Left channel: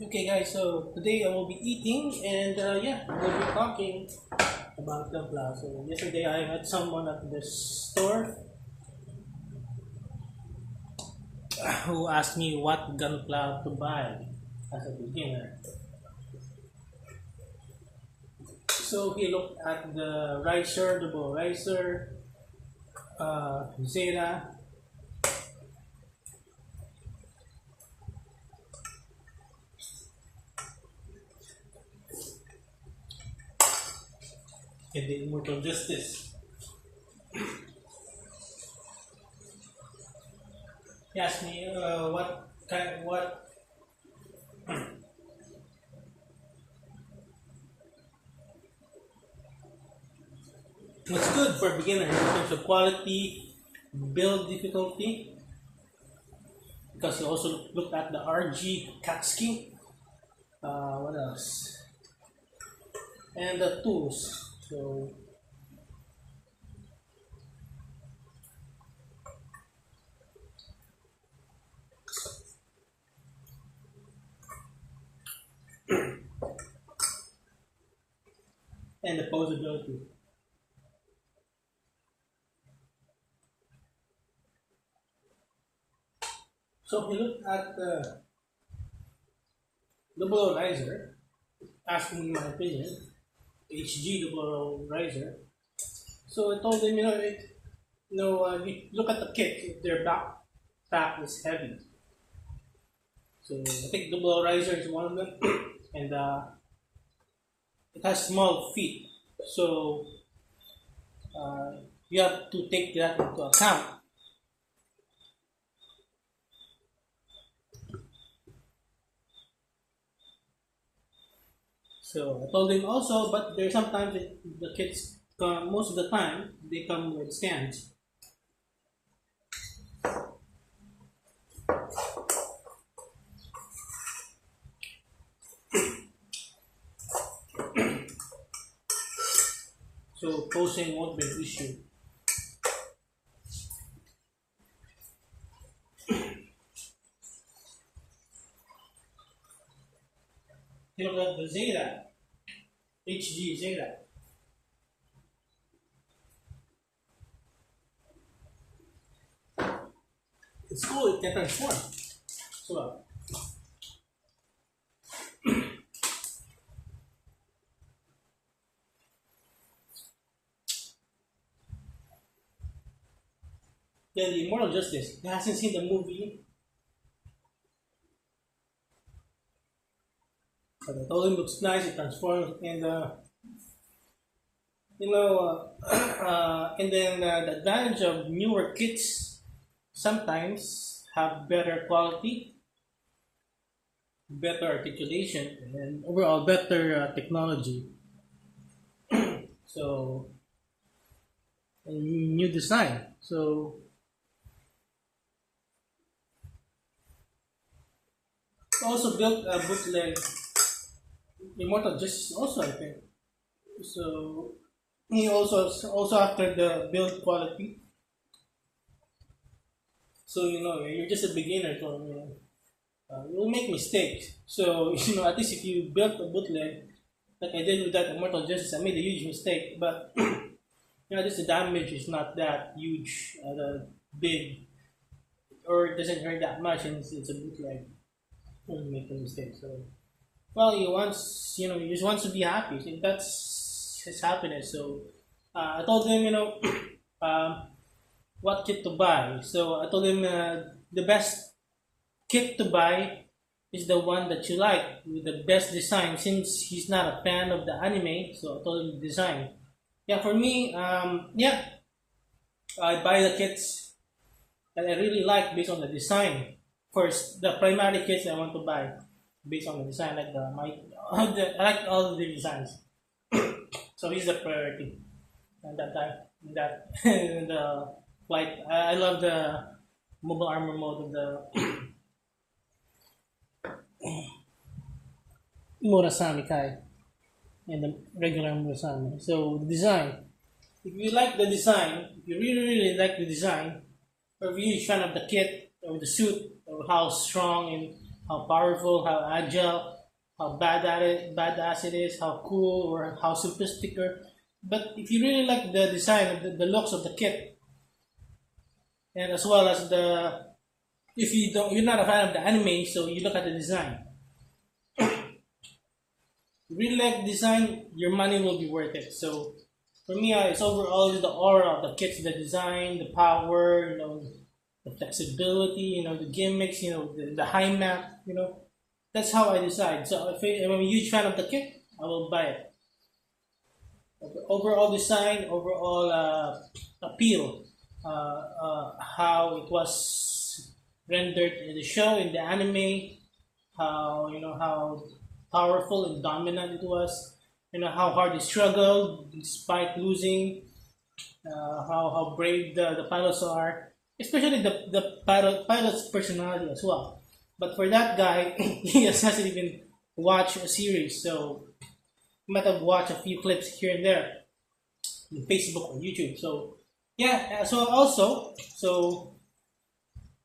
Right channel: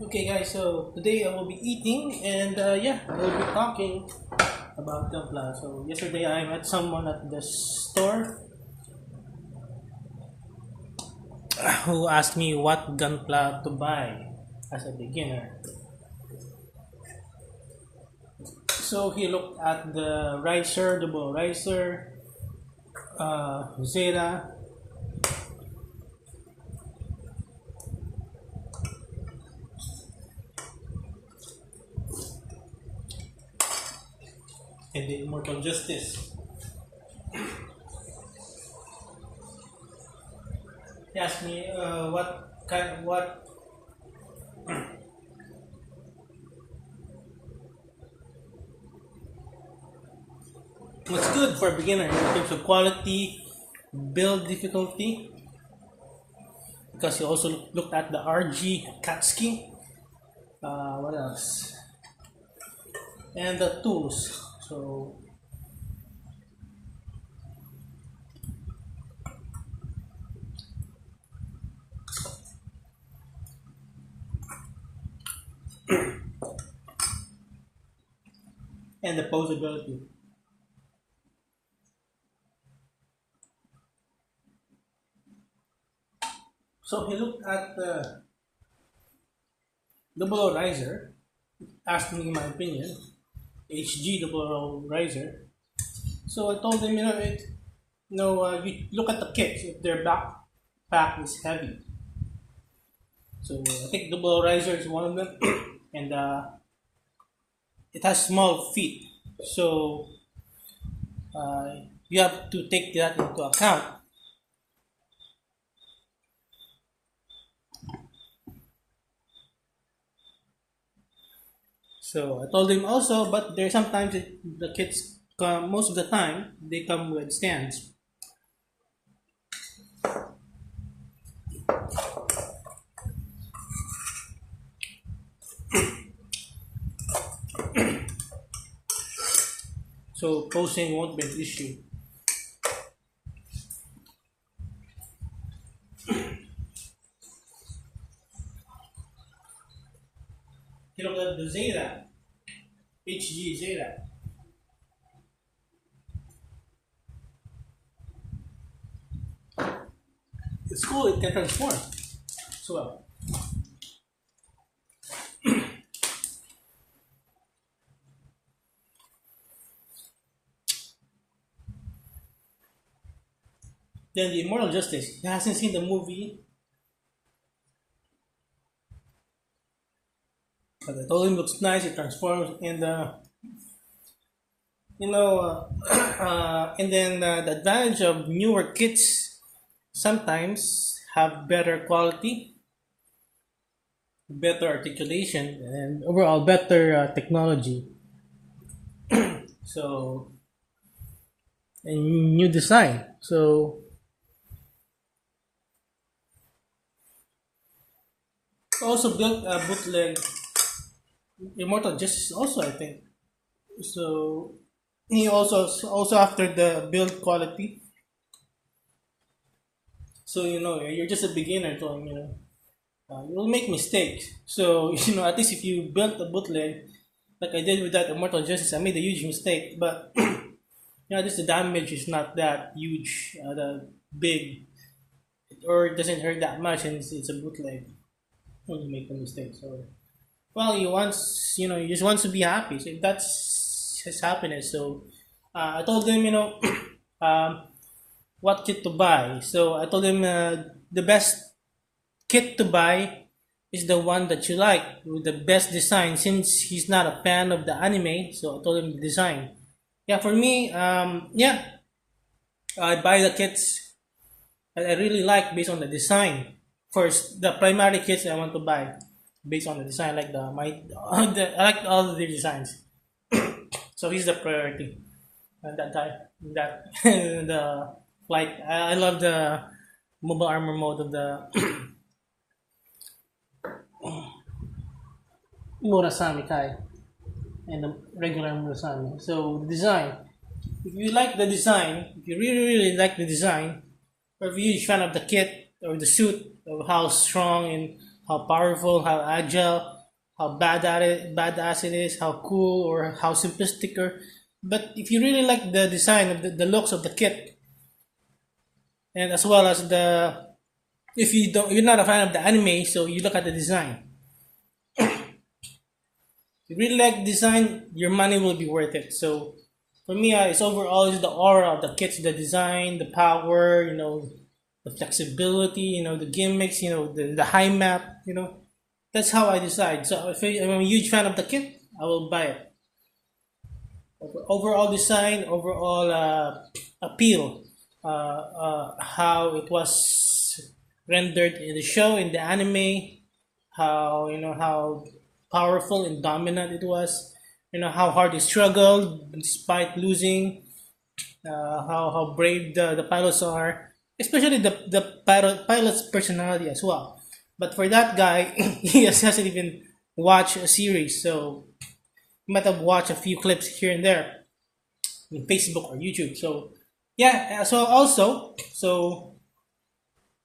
Okay, guys, so today I will be eating and yeah, we'll be talking about Gunpla. So, yesterday I met someone at the store who asked me what Gunpla to buy as a beginner. So, he looked at the ricer, double ricer, Zeta, and the Immortal Justice. He asked me what what's good for beginners in terms of quality, build difficulty, because he also looked at the RG Katsuki. What else? And the tools. So and the posability. So he looked at the double riser, asked me my opinion, HG double riser. So I told him, you look at the kits, if their backpack is heavy. So I think double riser is one of them, and it has small feet. So you have to take that into account. So I told him also, but there sometimes the kits come, most of the time they come with stands. So posing won't be an issue. You know the Zeta, HG Zeta. It's cool, it can transform as well. Then the Immortal Justice, he hasn't seen the movie, but I told him looks nice, it transforms, and and then the advantage of newer kits sometimes have better quality, better articulation, and overall better technology. So, and new design. So, also built a bootleg Immortal Justice also, I think. So he also after the build quality. So you're just a beginner, going you'll make mistakes. So at least if you built a bootleg like I did with that Immortal Justice, I made a huge mistake, but just the damage is not that huge, the big, or it doesn't hurt that much, and it's a bootleg. When you make a mistake, so well, he just wants to be happy. So that's his happiness. So I told him, um, what kit to buy. So I told him the best kit to buy is the one that you like with the best design. Since he's not a fan of the anime, so I told him the design. Yeah, for me, yeah, I buy the kits that I really like based on the design. First, the primary kits I want to buy based on the design, like I like all the designs. So he's the priority at that time. That the flight. I love the mobile armor mode of the Murasami Kai and the regular Murasami. So the design. If you like the design, if you really like the design, or if you're a fan of the kit or the suit, of how strong and how powerful, how agile, how badass it is, how cool or how simplistic. Or, but if you really like the design of the looks of the kit, and as well as the if you're not a fan of the anime, so you look at the design. If you really like design, your money will be worth it. So for me, it's overall is the aura of the kits, the design, the power, the flexibility, the gimmicks, the high map, That's how I decide. So if I'm a huge fan of the kit, I will buy it. Overall design, overall appeal, how it was rendered in the show, in the anime, how powerful and dominant it was, how hard he struggled despite losing, how brave the pilots are, especially the pilot's personality as well. But for that guy, he hasn't even watched a series, so he might have watched a few clips here and there on Facebook or YouTube. So yeah, so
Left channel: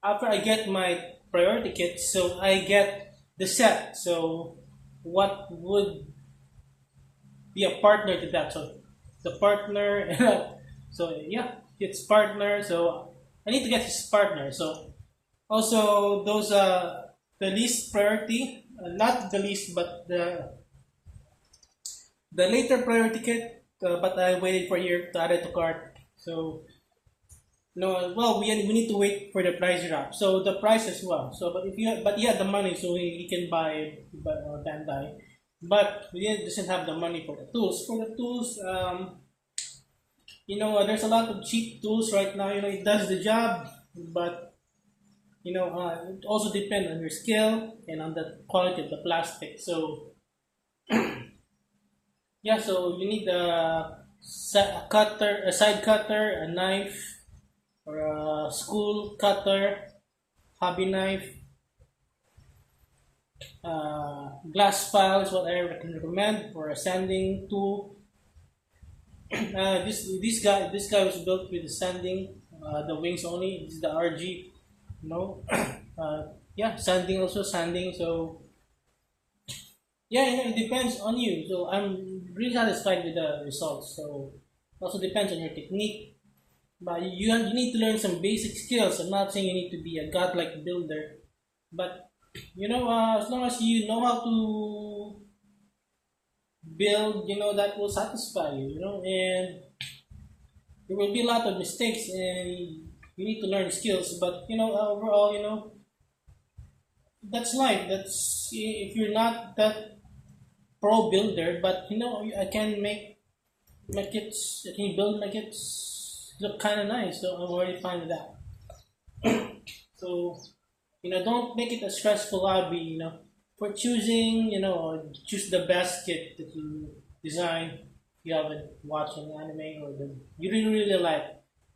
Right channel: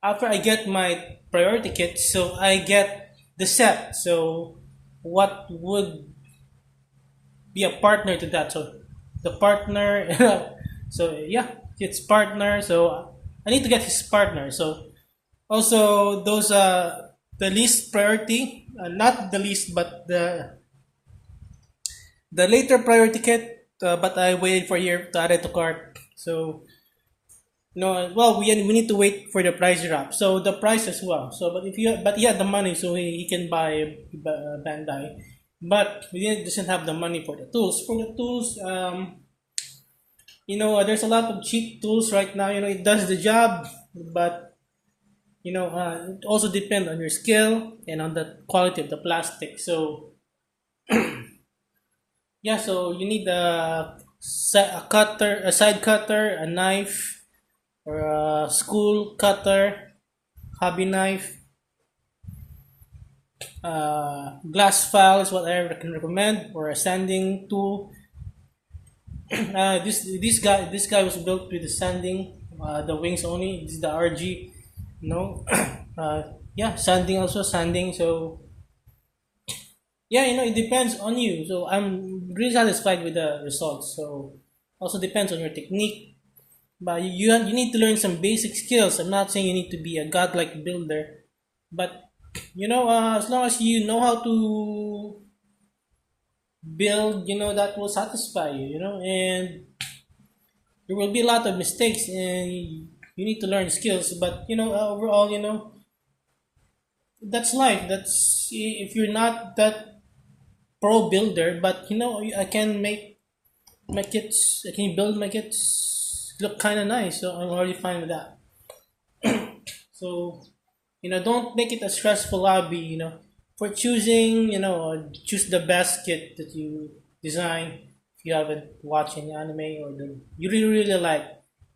after I get my priority kit, so I get the set. So what would be a partner to that? So the partner, so yeah, it's partner. So I need to get his partner. So also those the least priority, not the least, but the later priority kit. But I waited for a year to add it to cart. So no, well, we need to wait for the price drop. So the price as well. So but he had the money, so he can buy Bandai. But we doesn't have the money for the tools. For the tools, there's a lot of cheap tools right now. It does the job, but it also depends on your skill and on the quality of the plastic. So yeah, so you need a cutter, a side cutter, a knife, or a school cutter, hobby knife, glass file is what I can recommend, or a sanding tool. This guy was built with the sanding, the wings only. This is the RG, yeah, sanding also sanding. So yeah, it depends on you. So I'm really satisfied with the results. So also depends on your technique. But you need to learn some basic skills. I'm not saying you need to be a godlike builder, but as long as you know how to build, that will satisfy you. And there will be a lot of mistakes, and you need to learn skills. But overall, that's life. That's if you're not that pro builder, but I can make my kits. I can build my kits look kind of nice. So I'm already fine with that. So don't make it a stressful hobby. For choosing, choose the best kit that you design. If you haven't watched any anime or you really really like,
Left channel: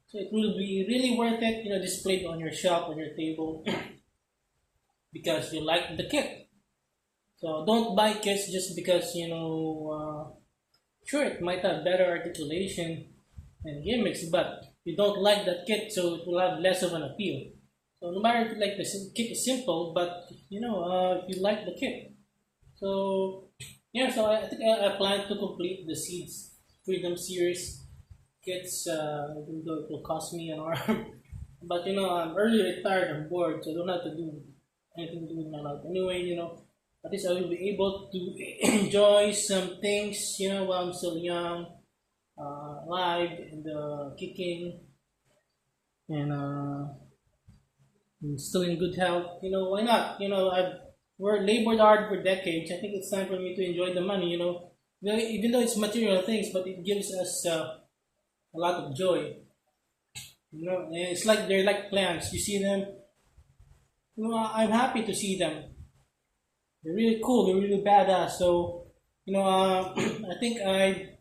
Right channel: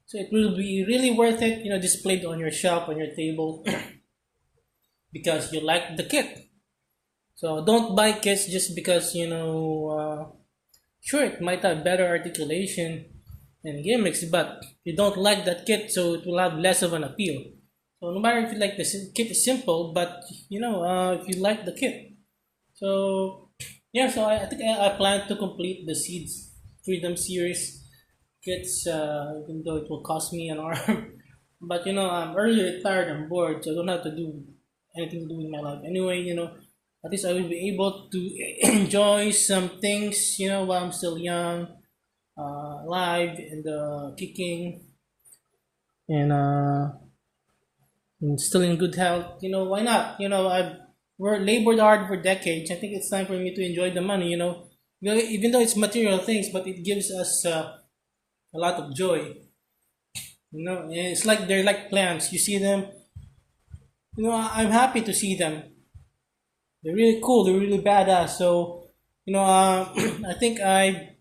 so it will be really worth it. Displayed on your shelf, on your table, because you like the kit. So don't buy kits just because sure, it might have better articulation and gimmicks, but you don't like that kit, so it will have less of an appeal. So no matter if you like the kit is simple, but if you like the kit. So yeah, so I think I plan to complete the Seeds Freedom series kits, even though it will cost me an arm. But I'm early retired, I'm bored, so I don't have to do anything to do with my life. Anyway, at least I will be able to enjoy some things, while I'm still young, alive, and kicking, and still in good health. Why not? I've labored hard for decades. I think it's time for me to enjoy the money. Even though it's material things, but it gives us a lot of joy. And it's like they're like plants. You see them. I'm happy to see them. They're really cool. They're really badass. So, I think I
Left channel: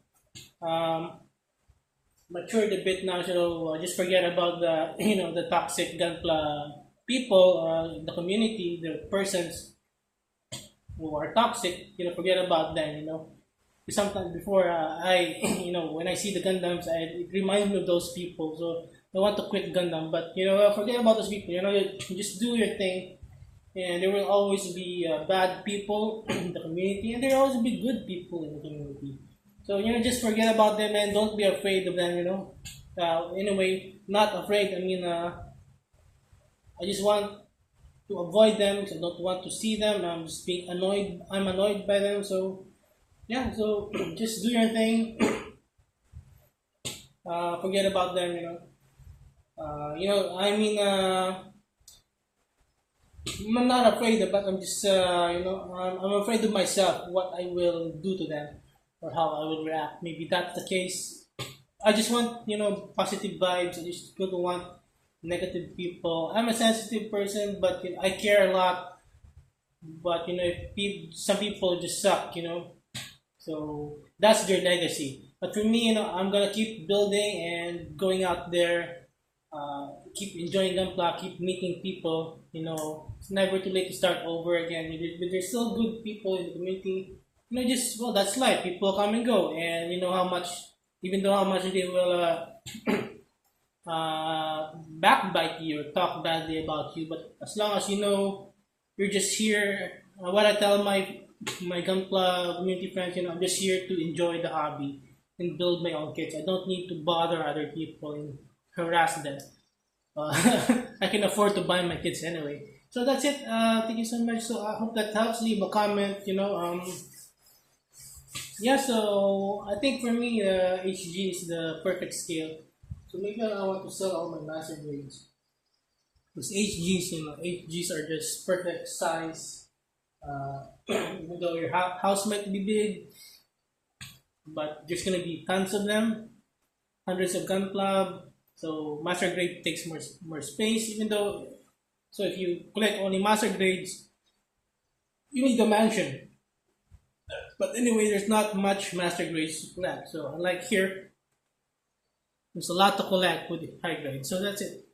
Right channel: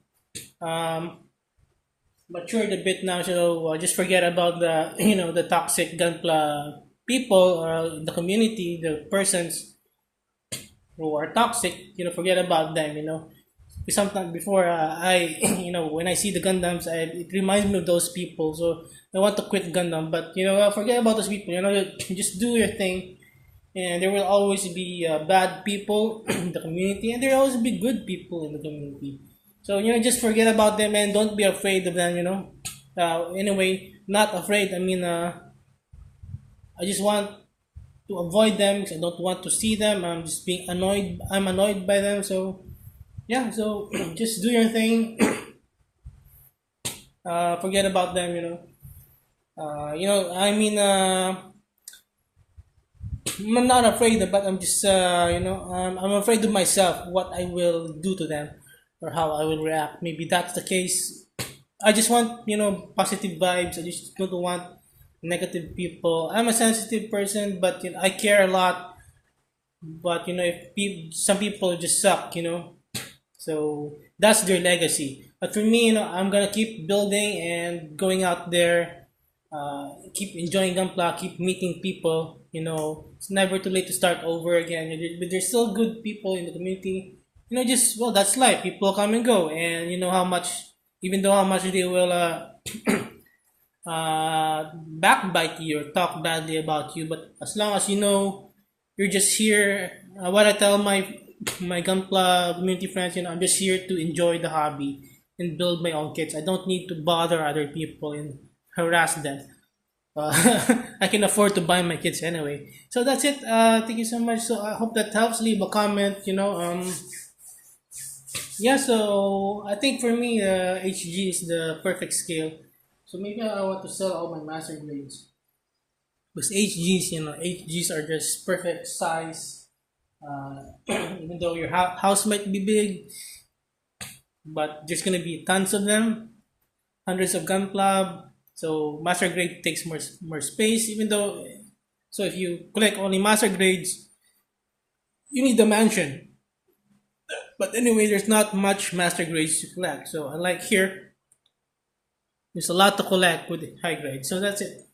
matured a bit now. So just forget about the the toxic Gunpla people, the community, the persons who are toxic. Forget about them. Because sometimes before I when I see the Gundams, it reminds me of those people. So I want to quit Gundam, but forget about those people. Just do your thing. and there will always be bad people in the community, and there will always be good people in the community. So just forget about them and don't be afraid of them. In a way, not afraid. I mean, I just want to avoid them because I don't want to see them. I'm just being annoyed. I'm annoyed by them. So yeah, so just do your thing. Forget about them. I mean, I'm not afraid, but I'm just, I'm afraid of myself, what I will do to them or how I will react. Maybe that's the case. I just want, positive vibes. I just don't want negative people. I'm a sensitive person, but I care a lot. But if some people just suck, so that's their legacy. But for me, I'm gonna keep building and going out there, keep enjoying Gunpla, keep meeting people. It's never too late to start over again. But there's still good people in the community. Just well, that's life. People come and go, and how much, even though how much they will backbite you or talk badly about you, but as long as you're just here. What I tell my Gunpla community friends, I'm just here to enjoy the hobby and build my own kits. I don't need to bother other people and harass them. Uh, I can afford to buy my kits anyway. So that's it. Thank you so much. So I hope that helps. Leave a comment. Yeah. So I think for me, HG is the perfect scale. So maybe I want to sell all my master grades. Because HGs, HGs are just perfect size. Even though your house might be big, but there's gonna be tons of them, hundreds of Gunpla. So master grade takes more space. Even though, so if you collect only master grades, you need the mansion. But anyway, there's not much master grades to collect. So unlike here, there's a lot to collect with high grade. So that's it.